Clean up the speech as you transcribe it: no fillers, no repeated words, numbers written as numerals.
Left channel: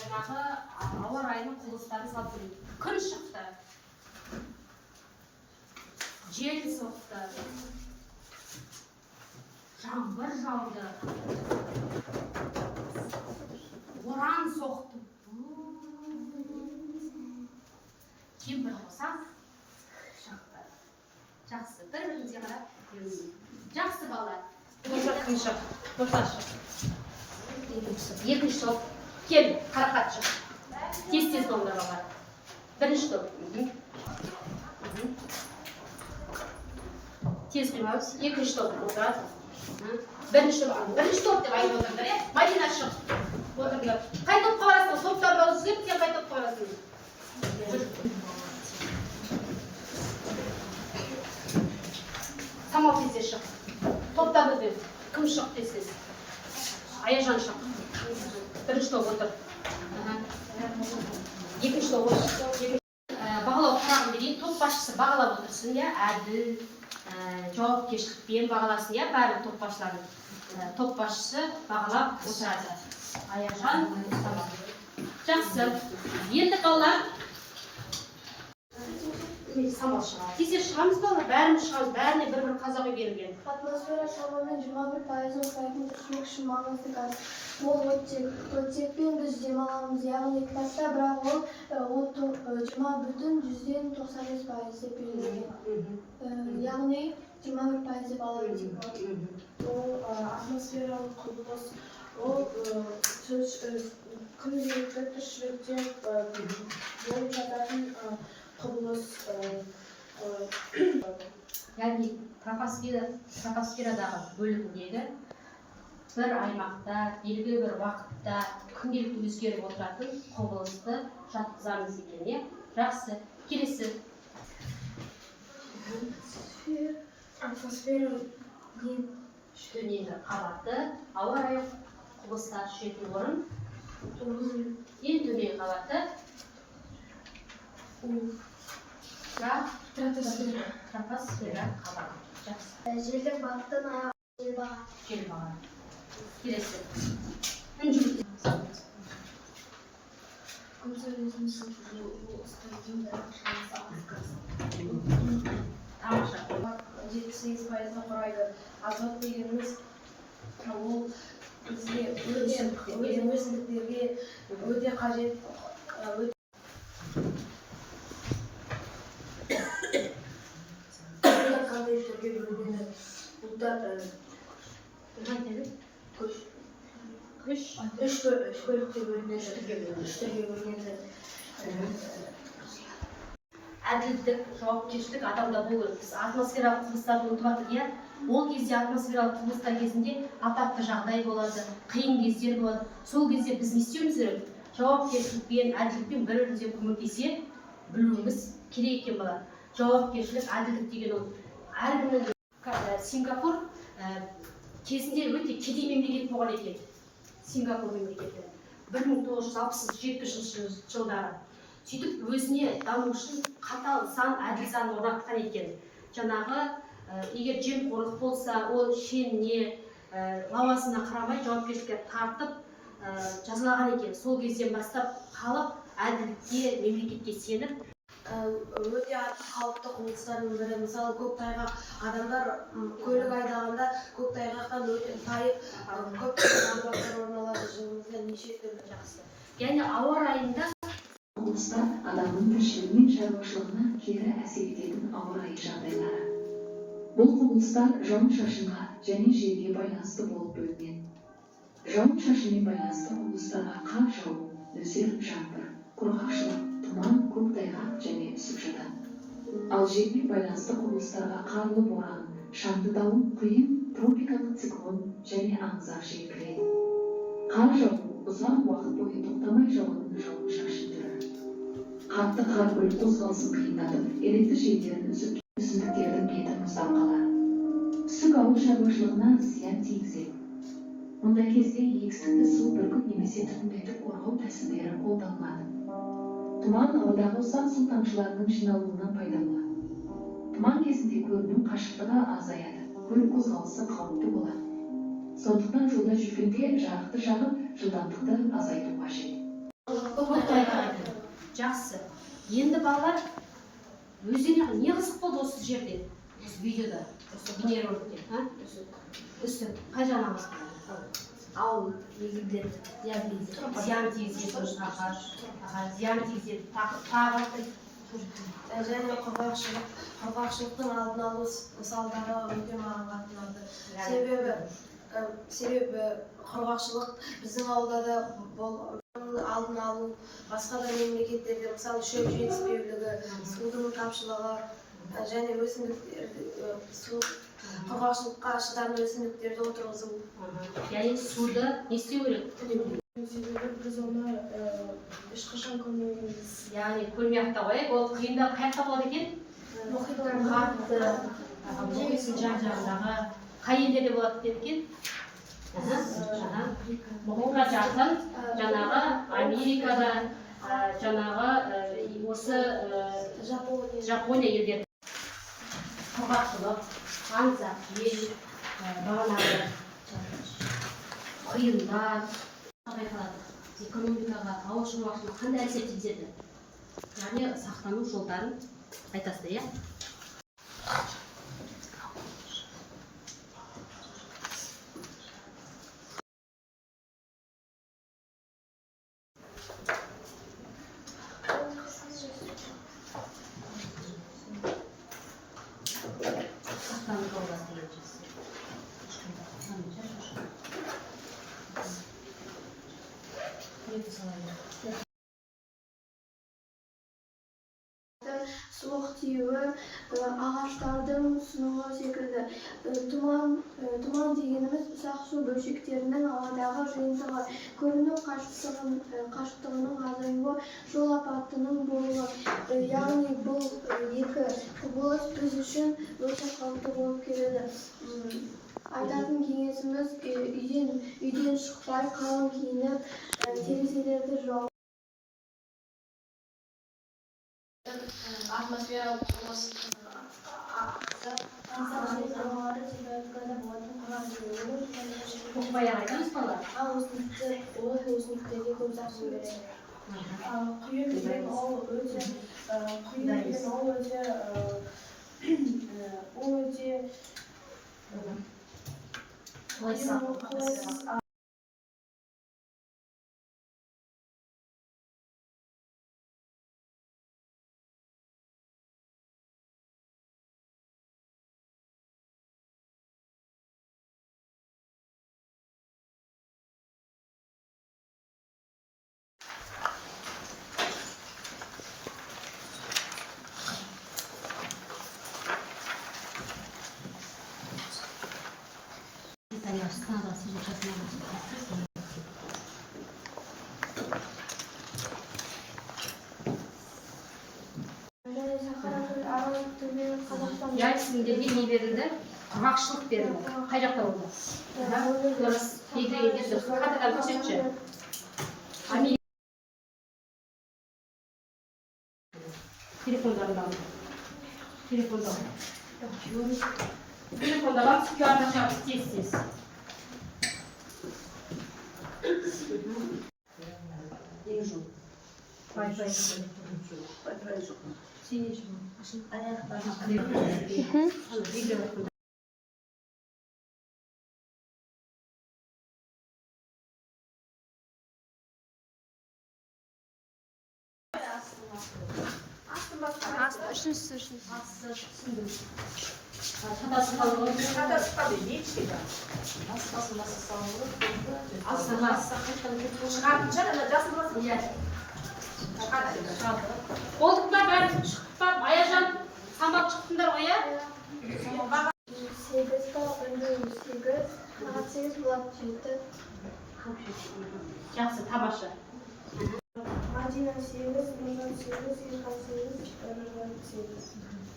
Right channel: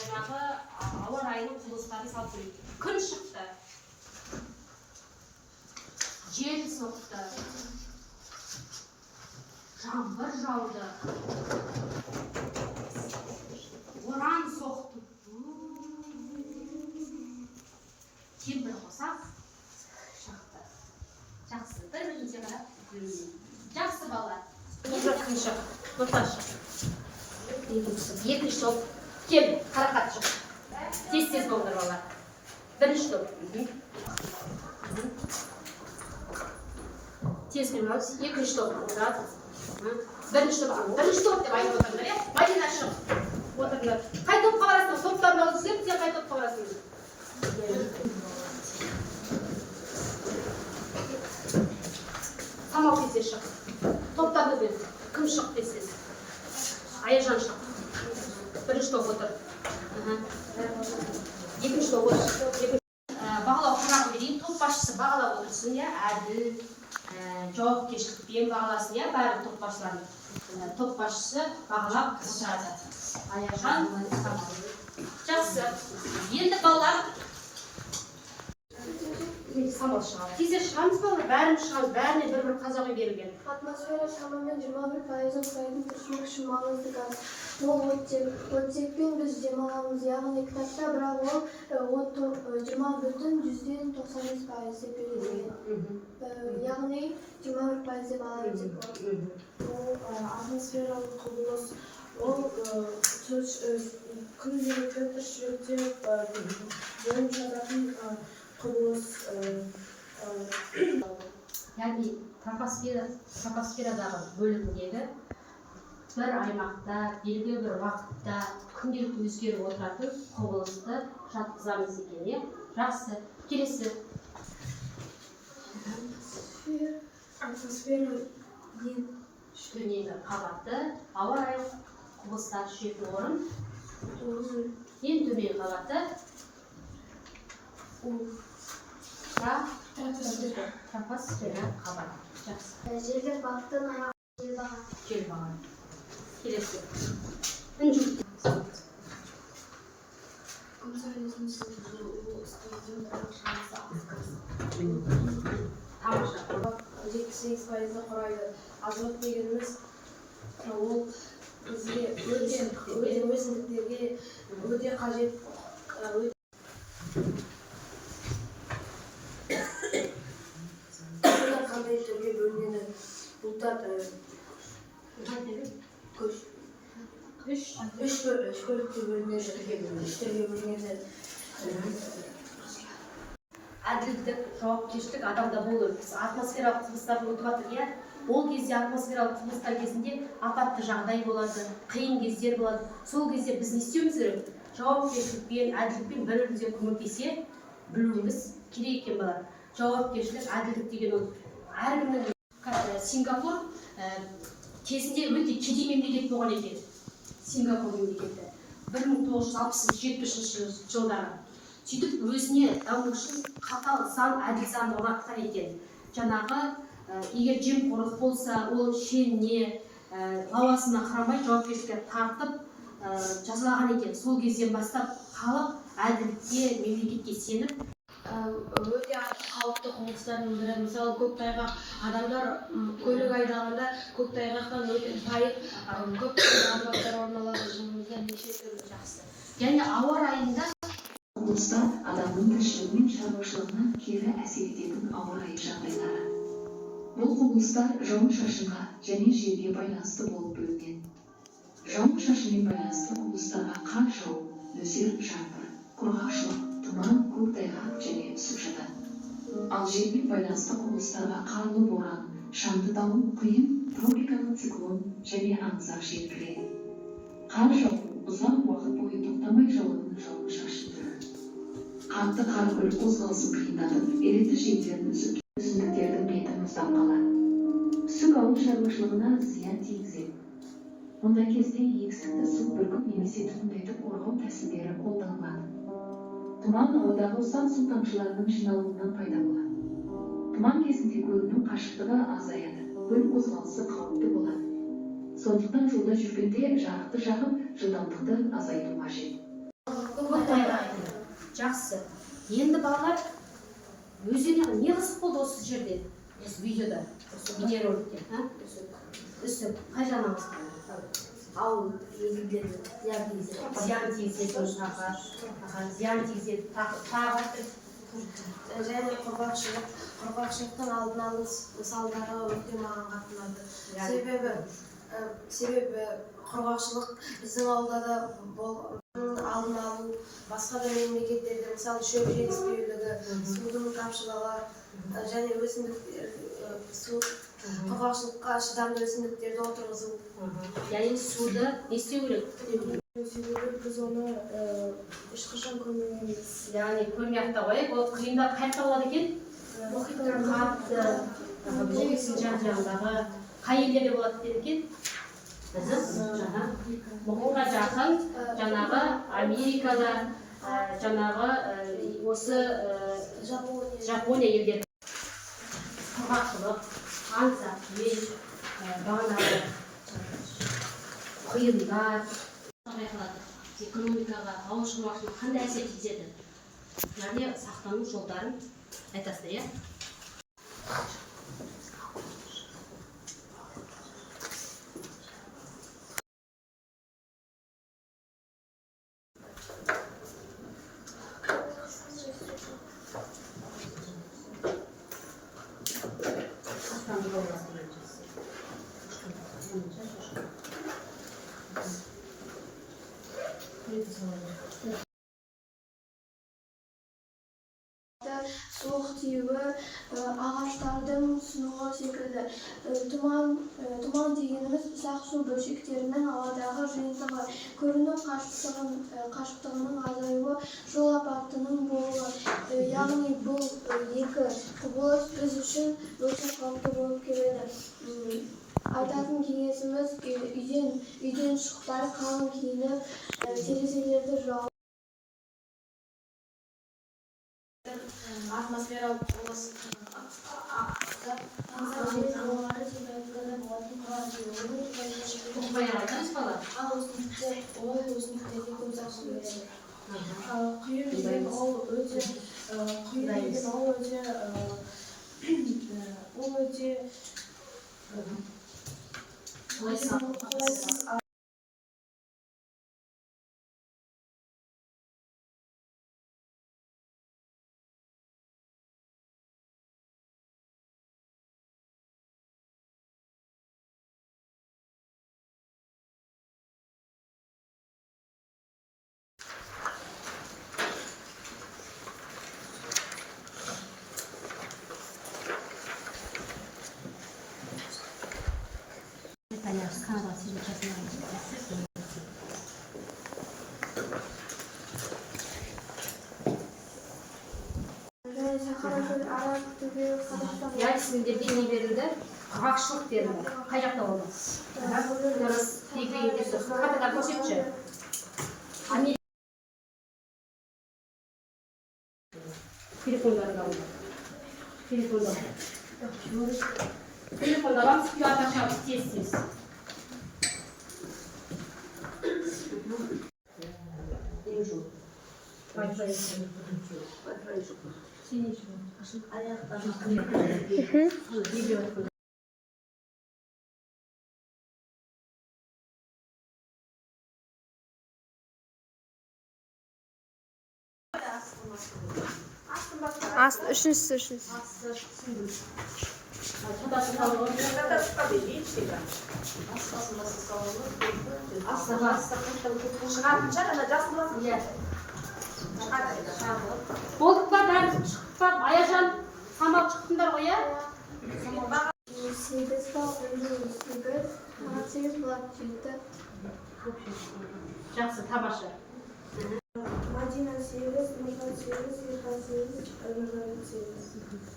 жаңағы ауа райының құбылыстарын салып көрейік. Күн шықты, жел соқты, жаңбыр жауды, боран соқты. Кемпір қоса шықты. Жақсы, бір-біріңізге қарап. Жақсы бала. Екінші тоқташы. Екінші топ. Кел, қарақат шық. Тез-тез долдыр бала. Бірінші топ. Тез қимауыз. Екінші топ отырады. Бірінші топ деп айтып отырыңдар, е? Мадина шық. Отырыңдар. Қай топқа барасың? Топтарын алып сен қай топқа барасың? Самал тез шық. Топтарды бер. Кім шық десіз? Аяжан шық. Бірінші топ отыр. Екінші топ отыр. Бағалау қарағым берейін. Топ басшысы бағалап отырсын, я? Әділ, жауапкершілікпен бағаласын, я? Бәрі топ басшыларын. Топ басшысы бағалап отырады. Аяжан, жақсы. Енді балалар самал шығады. Тез шығамыз балалар, бәріміз шығамыз, бәріне бір-бір қазақ үй берілген. Атмосфера шамамен 21%-ын құрайтын тіршілік үшін маңызды газ. Ол оттекпен біз демаламыз, яғни кітапта, бірақ ол 20,95% деп берілген. Яғни 21% деп алады. Ол атмосфералық құбылыс, ол күнделікті тіршілікте болып жататын құбылыс. Яғни тропосферадағы бөлігіндегі бір аймақта, белгілі бір уақытта күнделікті өзгеріп отыратын құбылысты жатқызамыз екен. Жақсы. Келесі. Атмосфера Төменгі қабаты, ауа райы құбылыстар түсетін орын. Ең төменгі қабаты. Тропосфера қабаты. Жақсы. Желдің бағыттан аяғы жел баға. Жел баға. Келесі. Үнжілік. Күн сәулесінің сызылуы ұстаздың дәрежесі асқасы. Тамаша. 78% құрайды. Азот дегеніміз ол бізге өсімдіктерге өте қажет. Қандай түрге бөлінеді? Бұлттар үш бөлікке бөлінеді. Әділдік, жауапкершілік адамда болу. Біз атмосфералық құбылыстарды ұмытып жатырмыз, иә? Ол кезде атмосфералық құбылыстар кезінде апатты жағдай болады, қиын кездер болады. Сол кезде біз не істеуіміз керек? Жауапкершілікпен, әділдікпен бір-бірімізге көмектесе білуіміз керек екен бала. Жауапкершілік, әділдік деген ол әркімнің. Сингапур кезінде өте кедей мемлекет болған екен. Сингапур мемлекеті 1960-70 жылдары. Сөйтіп өзіне даму үшін қатал заң, әділ заң орнатқан екен. Жаңағы егер жемқорлық болса, ол шеніне, лауазымына қарамай жауапкершілікке тартып жазалаған екен. Сол кезден бастап халық әділдікке, мемлекетке сеніп. Өте қауіпті құбылыстардың бірі, мысалы көктайғақ. Адамдар көлік айдағанда көктайғақтан өте тайып, көптеген апаттар орын алады. Жылымызда неше түрлі. Жақсы. Және ауа райында құбылыстар адамның тіршілігі мен шаруашылығына кері әсер ететін ауа райы жағдайлары. Бұл құбылыстар жауын-шашынға және желге байланысты болып бөлінеді. Жауын-шашынмен байланысты құбылыстарға қар жауып, нөсер жаңбыр, құрғақшылық, тұман, көктайғақ және үсік жатады. Ал желмен байланысты құбылыстарға қарлы боран, шаңды дауыл, құйын, тропикалық циклон және аңызақ жел кіреді. Қар жауып, ұзақ уақыт бойы тоқтамай жауатын жауын-шашын түрі. Қатты қар көлік қозғалысын қиындатып, электр желілерін үзіп, өсімдіктердің беті мұздап қалады. Үсік ауыл шаруашылығына зиян тигізеді. Мұндай кезде егістікті су бүркіт немесе түтіндетіп қорғау тәсілдері қолданылады. Тұман ауадағы ұсақ су тамшыларының жиналуынан пайда болады. Тұман кезінде көлдің қашықтығы азаяды, көлік қозғалысы қауіпті болады. Сондықтан жолда жүргенде жарықты жағып, жылдамдықты азайту қажет. Жақсы. Енді балалар өздеріне не қызық болды осы жерде? Осы видеода, осы бейнероликте, үсік. Қай жағынан қызық? Ал егілдерді зиян тигізеді. Зиян тигізеді, зиян тигізеді, тағы Және құрғақшылықтың алдын алу мысалдары өте маған қатты ұнады. Себебі құрғақшылық біздің ауылда да алдын алу, басқа да мемлекеттерде, мысалы шөп жетіспеулігі, судың тапшылығы және құрғақшылыққа шыдамды өсімдіктерді отырғызу. Яғни суды не істеу керек? Себебі біз оны ешқашан көрмегенбіз. Яғни көрмей ақ та қояйық. Ол құйында қай жақта болады екен? Қатты, бөлісін жақ-жағындағы қай елдерде болады екен? Мұхитқа жақын, жаңағы Америкада, жаңағы осы Жапония елдері. Құрғақшылық, аңсақ жел, бағанағы құйындар байқалады. Экономикаға, ауыл шаруашылығына қандай әсер тигізеді? Яғни сақтану жолдарын айтасыздар, иә? Суық тиюі, ағаштардың сынуы секілді. Тұман дегеніміз ұсақ су бөлшектерінің ауадағы жиынтығы, көріну қашықтығының азаюы, жол апатының болуы. Яғни бұл екі құбылыс біз үшін өте қауіпті болып келеді. Айтатын кеңесіміз үйден шықпай қалың киініп, терезелерді жауып Атмосфералық құбылыс Тоқпай ағайтамыз бала? өсімдіктерге көп зақым береді. Құйын деген ол өте қолайсыз. Канадаға сіздің жасына Яльсиндерге не берілді? Құрғақшылық берілді. Қай жақта болды? Дұрыс. Бекірегендер дұрыс. Қайтадан көрсетші. Телефондарын алды. Телефондардан QR-ға шығарып тез. Үшіншісі. Болдық па, бәрі шықтық па? Аяжан, самбап шықтыңдар ғой, иә? 8 болады 7. Жақсы, тамаша. Мадина 8, Меган 8, Ерхан 8, Өмірғали 8.